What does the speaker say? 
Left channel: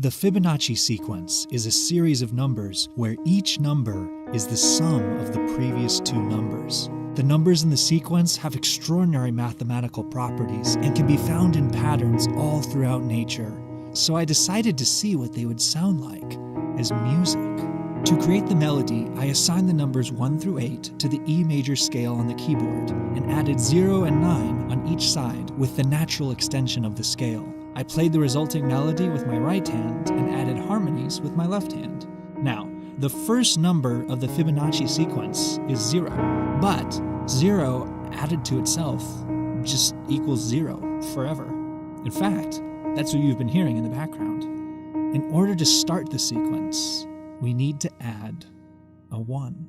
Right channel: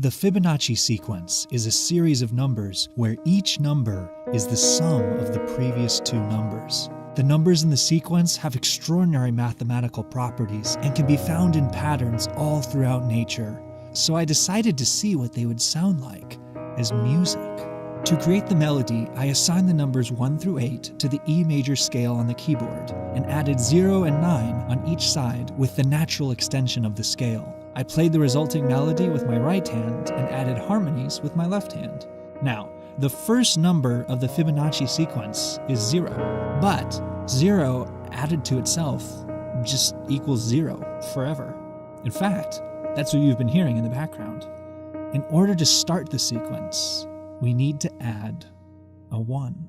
The Fibonacci sequence is a series of numbers where each number is the sum of the previous two numbers. The numbers in the sequence have extraordinary mathematical properties and can be found in patterns all throughout nature. So I decided to see what they would sound like as music. To create the melody, I assigned the numbers 1 through 8 to the E major scale on the keyboard and added 0 and 9 on each side with the natural extension of the scale. I played the resulting melody with my right hand and added harmonies with my left hand. Now, the first number of the Fibonacci sequence is 0, but 0 added to itself just equals 0 forever. In fact, that's what you've been hearing in the background. In order to start the sequence, we need to add a 1.